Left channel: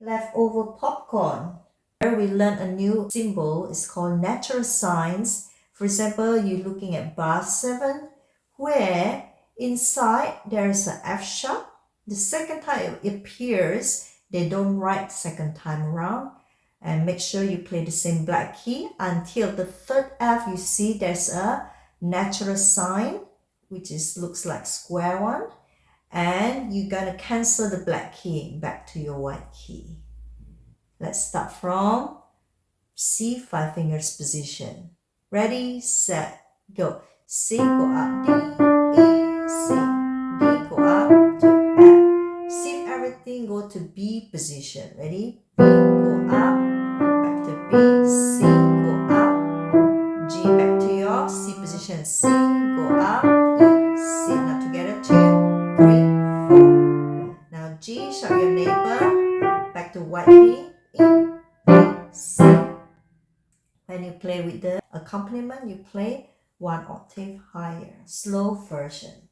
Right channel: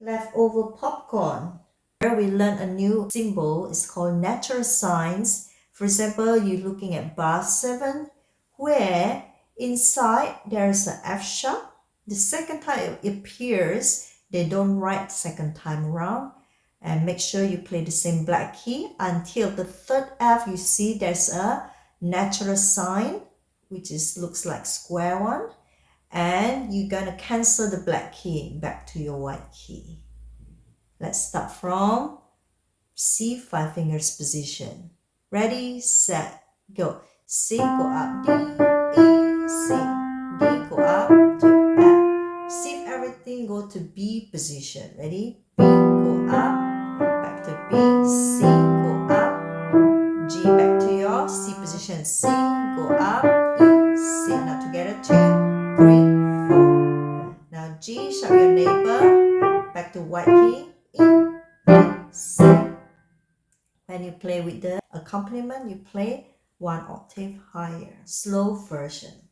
Leftover popcorn. Here we learn a new symbol. It's called natural signs. For example, you're looking at bar 7, where inside there is an F sharp. The second time it appears, they don't write second time around. And make sure you play the same black key until the third F. You see there's a natural sign, which looks like square one. And you're gonna cancel the black key back to your white key. Let's start from C, 5 fingers position. Ready, set, go. C, go up, D, E, C. D, go up to F. See if everything go to B position. Ready? B, go up, back to B, C, go up, G, back to your C position. C, go up, E, C. Now together, 2, 3, 4. Now G, shout your neighbor, back to white key, E, B, C. When you play with the accompaniment, you play one octave higher. Slow version.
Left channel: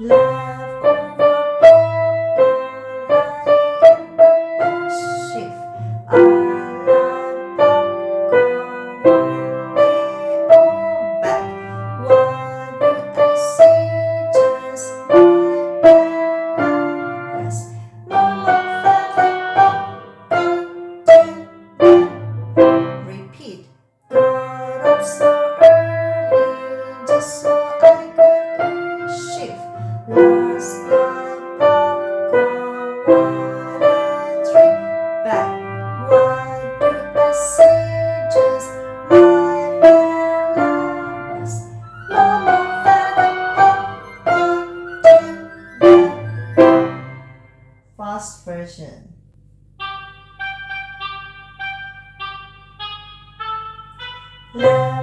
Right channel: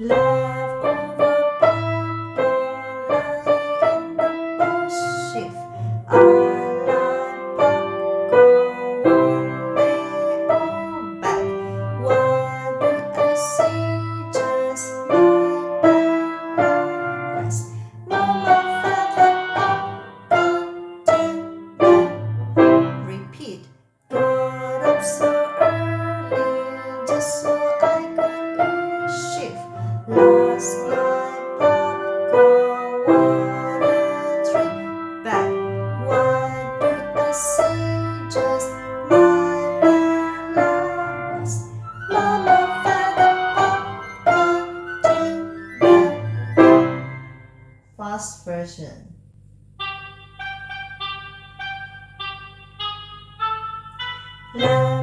Leftover popcorn lying in the bush. Shift. I like popcorn one day or back. Why do I see just my glass? Mama fed the popcorn to me. Repeat. Got up so early just so I could eat. Shift. Last night popcorn 1 and 3 back. Why did I say just my glass? Mama fed the popcorn to me. Fast version. Love